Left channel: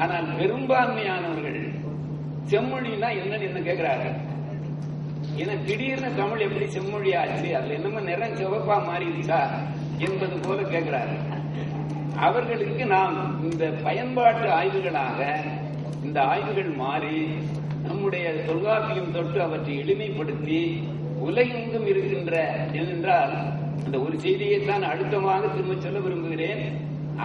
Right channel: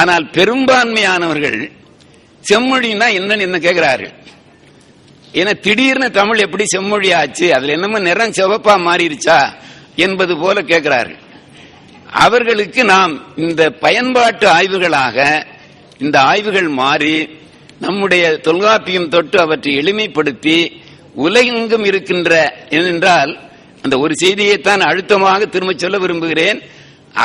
ஆனால் பெரும்பான்மையானவர்கள் செம்மொழின்னா என்ன கேட்கிறார்கள். ஏன்னா திடீர்னு தமிழ் எப்படி செம்மொழி ஆச்சு, அதுல என்னமோ நிறம் சிவப்பா மாறிடுச்சா என்பது போல கேட்கிறார்கள். அவர்களுக்கு நாம் இந்த பயன்பாட்டு ஆய்வுகளாக இந்த ஆய்வுகள் மாறி நம்முடைய தொல்காப்பியம் தொட்டு அவற்றை எளிமைப்படுத்தி உலகெங்கும் இருக்கின்ற ஏனென்றால் அந்த ஒரு செய்தியைத்தான் அழுத்தமாக திரும்ப சொல்ல விரும்புகிறேன்.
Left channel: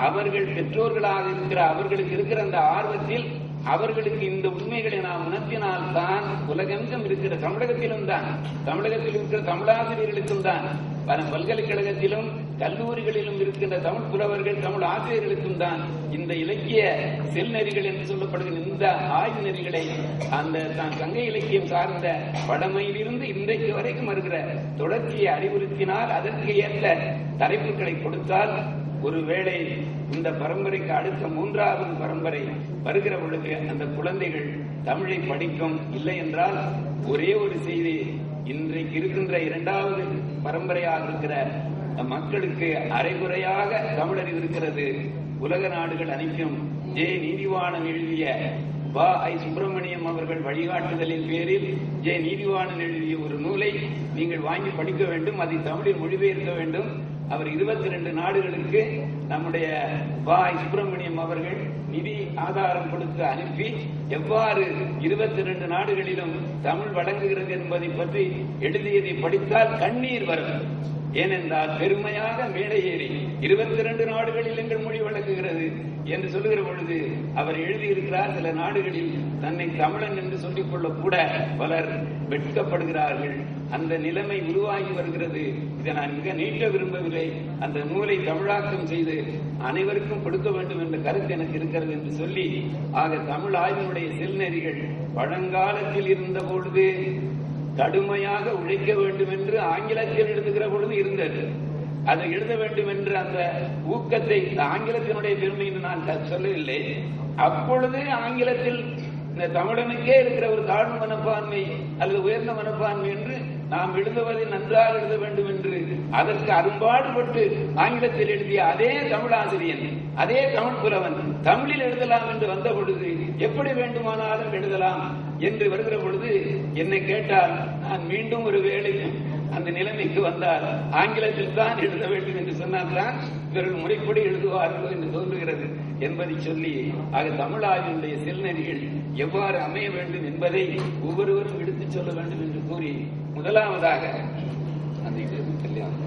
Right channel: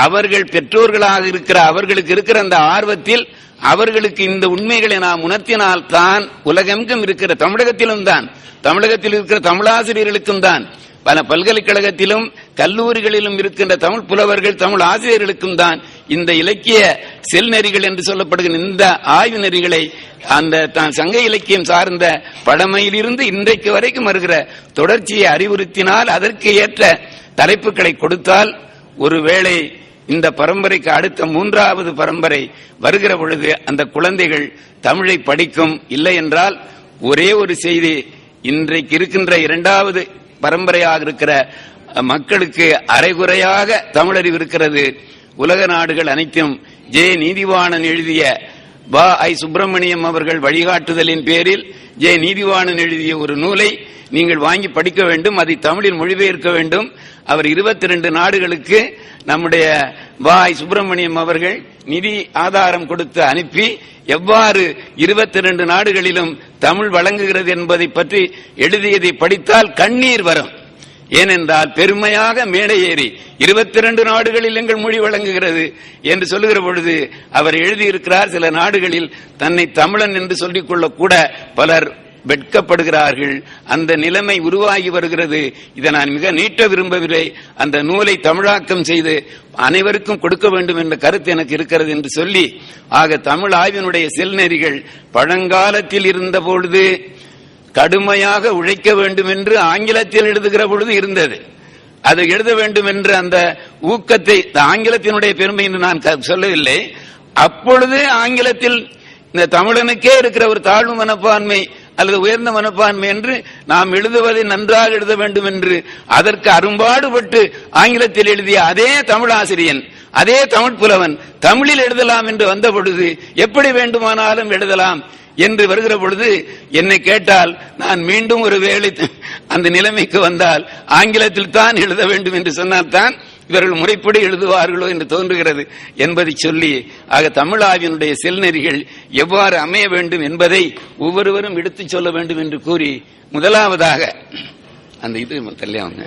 அவர்கள் பெற்றோர்களாக இருக்கிற அவர்களுக்கு இருக்கிற அந்த ஆர்வத்தில் அவர்களுக்கு இந்த உண்மைகளை நாம் உணர்த்தினால்தான் உலகெங்கும் இருக்கிற தமிழகத்திலும் தான், தமிழகத்தில் இருக்கிற தமிழாசிரியர்களுக்கும் தான், பல பல்கலைக்கழகத்திலும் கல்லூரிகளிலும் இருக்கின்ற தமிழ் புலவர்கள் தமிழ் ஆசிரியர்களுக்கும் தான் இந்த இலக்கிய செல் நெறிகள் என்று சொல்லப்படுகிற இந்த ஆய்வு நெறிகளை அந்த தான் சங்க இலக்கியம் சார்ந்த பழமையிலிருந்து இன்றைக்கு வரைக்கும் வருகிற தொடர்ச்சியை அறிவுறுத்தினால் அதற்கு ஏற்ற தலைப்புகளை கொடுத்தால் ஒருவேளை இந்த பரம்பரைக்கு அடுத்த மூன்றாவது பரம்பரை வருகிற பொழுது அந்த குழந்தைகள் தமிழை படிக்கும். இல்லை என்றால் ஒரே ஒரு செய்தி, இன்றைக்கு இருக்கின்ற இரண்டாவது பரம்பரையாக இருக்கிற மக்களுக்கு அரைகுறையாக தமிழறிவு இருக்கிறது. உலக நாடுகள் அனைத்தும் ஜே நீதிவாணன் எழுதிய ஐ சுப்பிரமணியம் அவர்கள் வழிகாட்டுதலின் பேரில் ஜே நீதிவாணன் எழுதிய ஒரு நூலை நீங்கள் வாங்கி படிக்க வேண்டும், அதை தமிழில் மொழிபெயர்க்க வேண்டும். அவர் 22 நாடுகளுக்கு நம்முடைய ஐ சுப்பிரமணியம் அவர்கள் நிதி ஆதாரம் கொடுத்து அனுப்பி எவ்வாறு 22 நாடுகளிலும் தமிழ் வழங்குகிறது என்பதை பற்றி எழுதியதை படித்தால் கண்ணீர் வரும். ஏனென்றால் பெருமையாக மேடை ஏறி 22 நாடுகளில் எங்கள் மொழி வழங்குகிறது என்று சொல்லுகிற பொழுது அவர் எழுதியிருக்கிறார். சில நாடுகளில் தன்னை தமிழன் என்று சொல்லிக் கொள்ள கூட பலர் வெட்கப்படுகிறார்கள். அந்த நிலைமை உருவாகி வருகிறது. இதை நான் மிக நீட்ட விரும்பவில்லை. அந்த நூலை தமிழாக்கம் செய்து அனைவருக்கும் கொடுக்க வேண்டும் என்ற கருத்து எனக்கு இருக்கிறது என்று சொல்லி, ஆக தமிழ் ஆய்வினுடைய செல்நெறிகள் பழங்காலத்தில் இருந்த பொழுது கடுமையாக உழைக்க வேண்டும் என்று ஆங்கிலத்தில் எழுதுகிற பொழுது இருந்தது. அது எழுத வேண்டும் என்ற அந்த ஊக்கத்தை ஆங்கிலத்தினுடைய பெருமை என்று நான் சொல்லவில்லை. அப்பொழுது ஆங்கிலத்தில் இந்த தமிழனுக்கே இருக்கிற ஒரு தாழ்வு மனப்பான்மை அல்லது உயர்ந்த மனப்பான்மை என்று நாம் எழுதுவதை நன்றாக எழுத வேண்டும் என்று அதற்கு அரும்பாடுபட்டு ஆங்கிலத்தில் எழுதிய அதே தமிழ் ஆசிரியன், அதே தமிழ் புலவன் தமிழில் எழுதலாம் என்று வந்த பொழுது எப்படி வேண்டுமானாலும் எழுதலாம் என்று வருகிற பொழுது என்னை கேட்டால் நான் மீண்டும் ஒரு வேளை அந்த நிலைமைக்கு வந்தால் ஆங்கிலத்தில் தான் எழுத வேண்டும் என்று சொன்னால் தான் இவர்கள் முறைப்படி எழுதுவார்களோ என்று தோன்றுகிறது என்பதை சொல்லி, ஆக தமிழ் ஆய்வினுடைய செல்நெறிகள் எவ்வாறு அமைய வேண்டும் என்பதை ஒவ்வொருவரும் எடுத்துச் சொல்ல வேண்டும் என்று கூறி, முதலாவதாக அந்த இது கல்யாணம்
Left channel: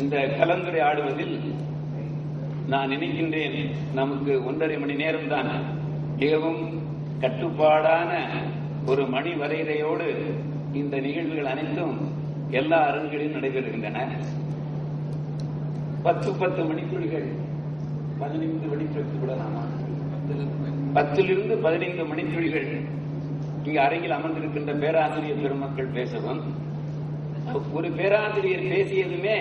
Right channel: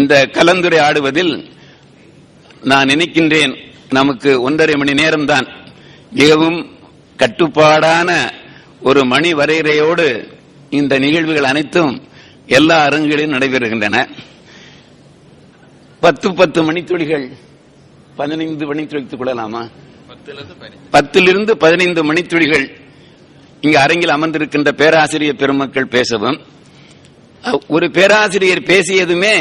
இந்த கலந்துரையாடுவதில் நான் நினைக்கின்றேன் நமக்கு 1.5 மணி நேரம்தான் மிகவும் கட்டுப்பாடான ஒரு மணி வரையறையோடு இந்த நிகழ்வுகள் அனைத்தும் எல்லா அரங்குகளிலும் நடைபெறுகின்றன. 10 மணித்துளிகள் 15 மணித்துளிக்கு கூடலாமா? 10 to 15 மணித்துளிகள் இங்கு அரங்கில் அமர்ந்திருக்கின்ற பேராசிரியர் பெருமக்கள் பேசவும், ஒரு பேராசிரியர் பேசியதுமே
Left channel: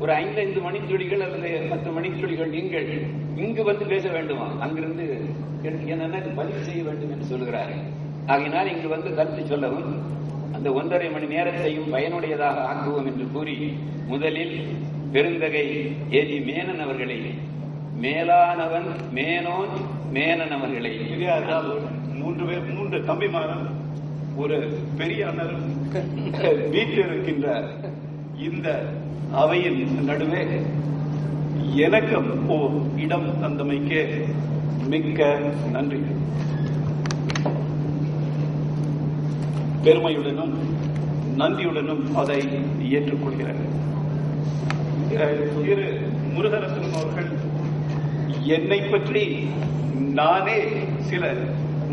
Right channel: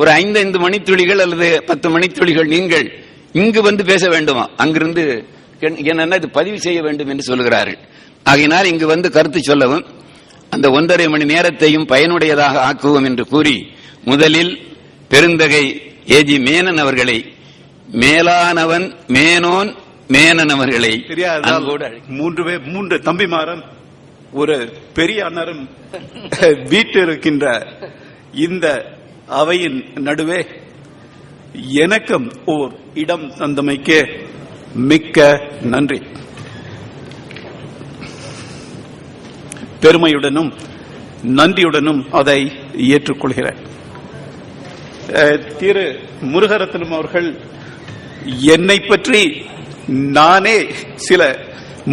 ஒரு 5 மணித்துளிகள் அல்லது 10 மணித்துளிகள் நீங்கள் இங்கு வந்து பேச வேண்டுமா, அங்கிருந்து என்னன்னா இது பதிவு செய்ய வேண்டும் என்று சொல்கிறார்கள். ஆகையினால் இங்கு வந்து கருத்து சொல்லவும் அந்த 1.5 மணி நேரத்தையும் பயனுடையதாக ஆக்குவோம் என்று கூறி, முதலில் பெருந்தகை ஏஜி மேனன் அவர்களை, மேலானவன் மேனோன் மேனன் அவர்களை, 3 தம்பிமாரன் ஒரு பெரிய அண்ணரும் வீட்டு இருக்கின்ற இந்த அவையின் நடுவே எனக்கும் ஓர் இடம் தந்தமைக்கு மிக்க நன்றி. பெருமையுடனும் நன்றியுடனும் அதை ஏற்றுக்கொள்கிறேன். திரு முருகரத்னம் அவர்கள் என்னை பற்றி நானே சில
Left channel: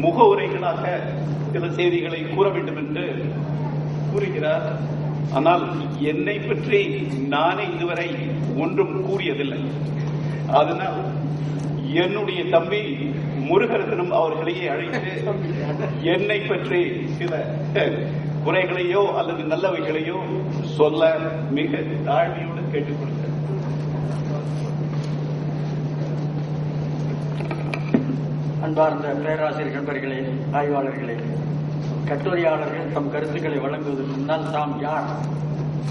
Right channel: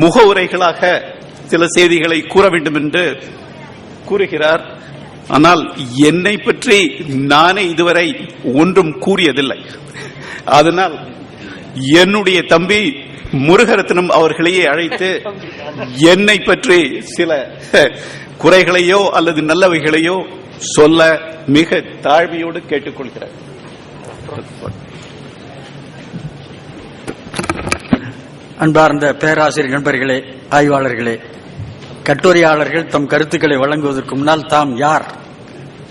முகவுரைகளாக சில செய்திகளை கூற வேண்டும் என்று கூறுகிறார். ஆனால் என்னை பற்றி நானே இதுவரை ஒன்றும் கூறியதில்லை. அதனால் என்னுடைய தம்பி முருகரத்னம் அவர்களையே அழைத்து என்னை பற்றி சில குறைகளையோ அல்லது நல்லவைகளையோ சொல்ல மிக தாழ்மையோடு கேட்டுக்கொள்கிறேன். அன்பார்ந்த பேராசிரியர் நண்பர்களே, ஆய்வாளர்களே, கட்டுரையாளர்கள் தம் கருத்துக்களை வழங்குவதற்கு முன்னால் தாம் யார்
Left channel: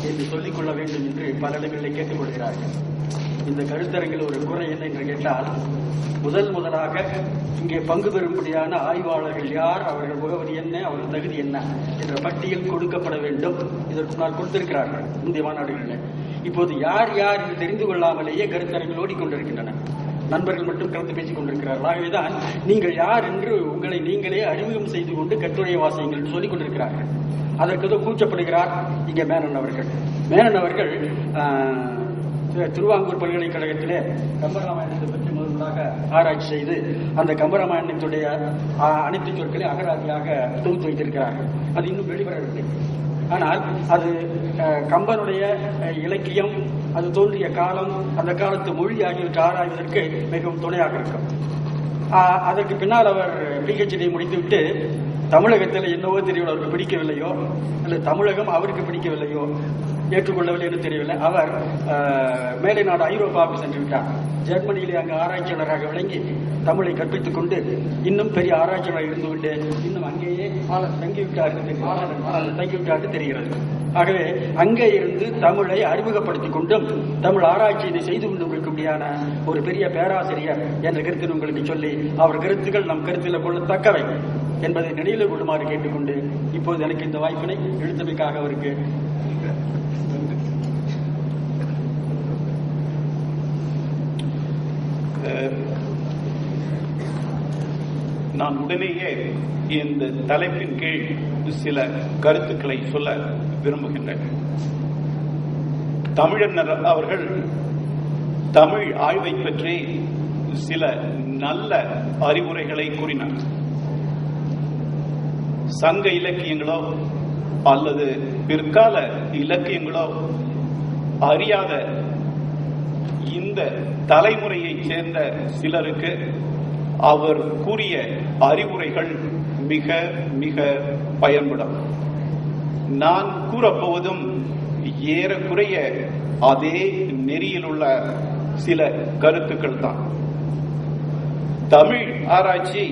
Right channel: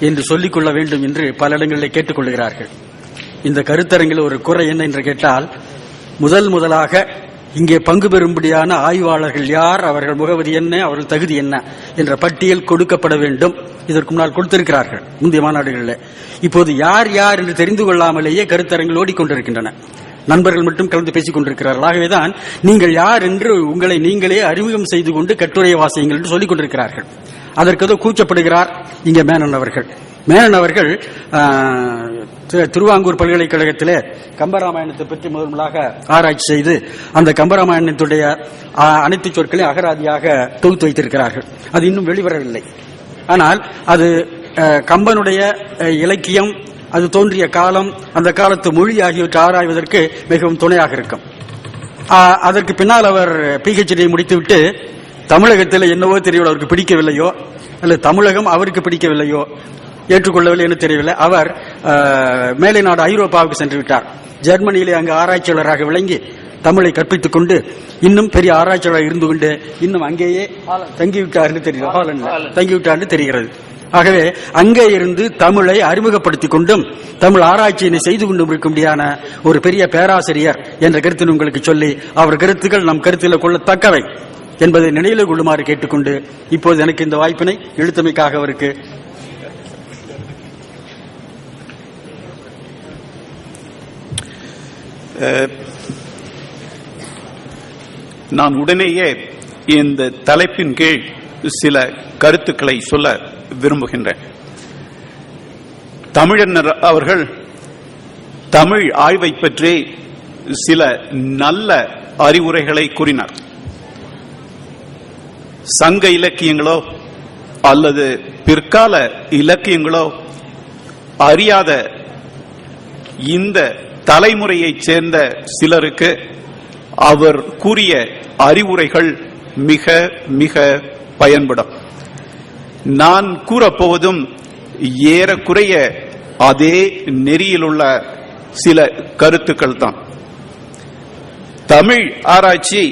என்று சொல்லிக் கொள்ள வேண்டும் என்று பல இடங்களில் கேட்டுக் கொள்கிறார்கள். இந்த கருத்தரங்கில் ஒரு குறை என்ன என்று கேட்டால், முதலாக இங்கே பங்கு பெறும்படியான ஆய்வாளர்கள் யார், அவர்கள் முகவரி என்ன, அவர்கள் தகுதி என்ன என்ற பட்டியல் கொடுக்கப்பட வேண்டும். இதற்கு முன்னால் கொடுத்திருக்கிறார்கள் முந்தைய மாநாடுகளில். இப்போது யார் யார் என்று தெரிந்து கொள்ளாமலேயே கருத்தரங்கில் ஓடிக்கொண்டிருக்கின்றன. நண்பர்கள் மட்டும் கலந்து பேசிக் கொண்டிருக்கிறார்கள். ஆகவேதான் நீங்கள் யார் என்று உங்களை நீங்களே அறிமுகம் செய்து கொண்டு கட்டுரையை வாசியுங்கள் என்று சொல்லிக் கொண்டிருக்கிறார்கள். அதற்கு ஏதோ கூச்சப்படுகிறார் இங்கே மேனன் அவர்கள். மேனன் அவர்கள் திருவாங்கூர் பல்கலைக்கழகத்திலே கம்பராமாயணத்தை பற்றி முதலாக ஆராய்ச்சி செய்து அந்த கம்பராமாயணத்துடைய அனைத்து சொற்களையும் அகராதியாக தொகுத்து வைத்திருக்கிறார்கள். அது இன்னும் வெளிவரவில்லை. ஆனால் அது கம்பனுடைய இலக்கியம், அது தோன்றிய காலம், அந்த காலத்து மொழி ஆகியவற்றை ஆராய்வதற்கு மிகவும் துணையாக இருக்கும். அதற்கு பின்னால் அவர் PhD முடித்துவிட்டு தமிழகத்தில் என்னவோ தெரியவில்லை, அவருக்கு பிடிக்கவில்லையோ அல்லது தமிழகம் அவருக்கு பிடிக்கவில்லையோ, ஏற்றுக்கொள்ளவில்லை என்று தெரியவில்லை. அவர் மேலை நாடு ஐரோப்பாவுக்கு சென்று விட்டார். ஜெர்மனியிலே அங்கு ஆராய்ச்சியாளராக விளங்கி தமிழை கற்பித்துக் கொண்டு இன்னும் பெரிய ஆராய்ச்சியாளர் இருந்து கொண்டு இன்னும் அங்கேயே தங்கிவிட்டார் என்று தெரிகிறது. ஆகவே அங்கே இருந்து தமிழை அறிமுகப்படுத்திக் கொண்டும் தமிழ் ஆராய்ச்சியினை செய்து கொண்டும் இருக்கும்படியான ஒரு பெரிய பேராசிரியர் என்ற கருத்தினை உங்களுக்கு சொல்லி அவர் கருத்துக்கள் நம் கருத்தில் கொள்ளத்தக்கவை என்பதை நினைவில் கொள்ளுமாறு கேட்டுக்கொண்டு இப்போது எனக்கு இந்த வாய்ப்பினை எழுத்தமைக்காக அவருக்கு நான் உடனேயே இந்த தலைப்பின் கீழ் சில கருத்துக்களை சொல்ல விரும்புகின்றேன். தமிழர் அவர்கள் தமிழ் ஆய்வை பற்றி சில நல்ல அறிவுரைகளை கூறினார். சங்க இலக்கியங்களோ அல்லது பிற்கால இலக்கியங்களோ அறியாத இந்த தலைமுறையைச் சேர்ந்த சிலருக்கு அவர் கூறிய அறிவுரைகள் மிக மிக பயன்படும். நான் கூறப்போவதும் ஏறக்குறைய அதே நெறியில் உள்ள சில கருத்துக்கள் தான். தமிழ் ஆராய்ச்சி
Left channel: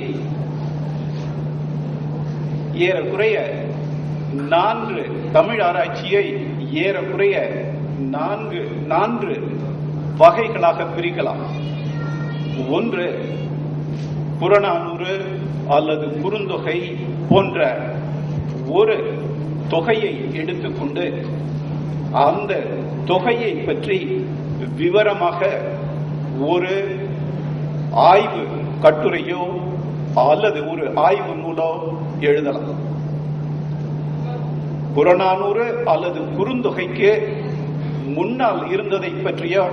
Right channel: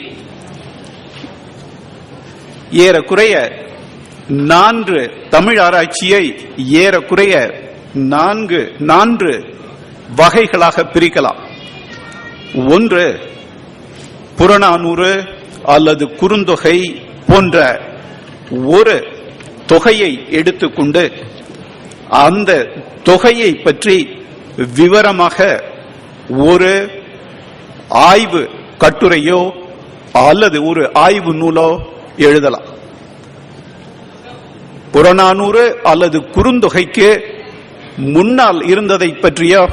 ஏறக்குறைய தமிழ் ஆராய்ச்சியை ஏறக்குறைய நான்கு வகைகளாக பிரிக்கலாம். ஒன்று, புறநானூறு அல்லது குறுந்தொகை போன்ற ஒரு தொகையை எடுத்துக்கொண்டு அந்த தொகையை பற்றி விவரமாக ஒரு ஆய்வு கட்டுரையோ அல்லது ஒரு ஆய்வு நூலோ எழுதலாம். புறநானூறு அல்லது குறுந்தொகைக்கு முன்னால் இருந்ததை பற்றியோ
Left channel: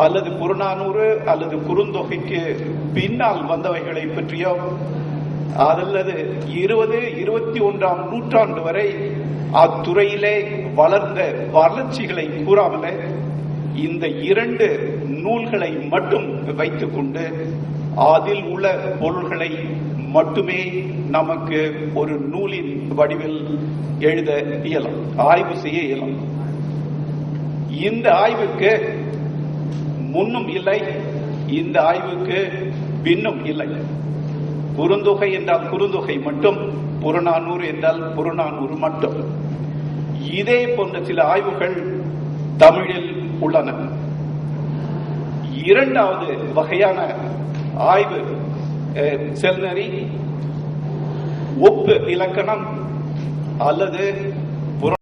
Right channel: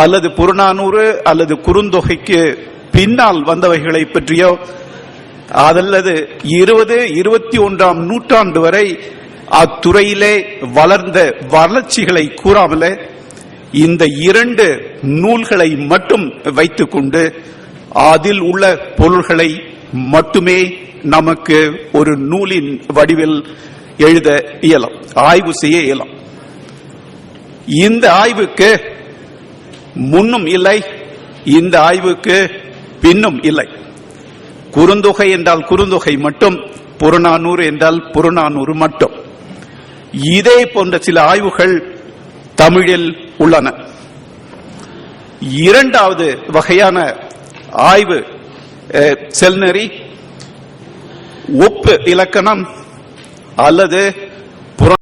அல்லது புறநானூறு அல்லது குறுந்தொகைக்கு பின்னால் வந்தவைகளை பற்றியோ அல்லது 20, 21ஆம் நூற்றாண்டு வரை அத்துறையிலே வளர்ந்த வளர்ச்சிகளை கூறாமலே இந்த 2 நூல்களை மட்டும் வைத்துக் கொண்டு அதில் உள்ள பொருள்களை மட்டுமே நமக்கு ஒரு நூலின் வடிவில் எழுத இயலும், ஆய்வு செய்ய இயலும். இந்த ஆய்வுக்கு முன்னும் இல்லை, இந்த ஆய்வுக்கு பின்னும் இல்லை. குறுந்தொகை என்றால் குறுந்தொகை மட்டும், புறநானூறு என்றால் புறநானூறு மட்டும். இதே போன்ற சில ஆய்வுகள் தமிழில் உள்ளன. இரண்டாவது வகையான ஆய்வு செல்நெறி, ஒப்பு இலக்கணம் அல்லது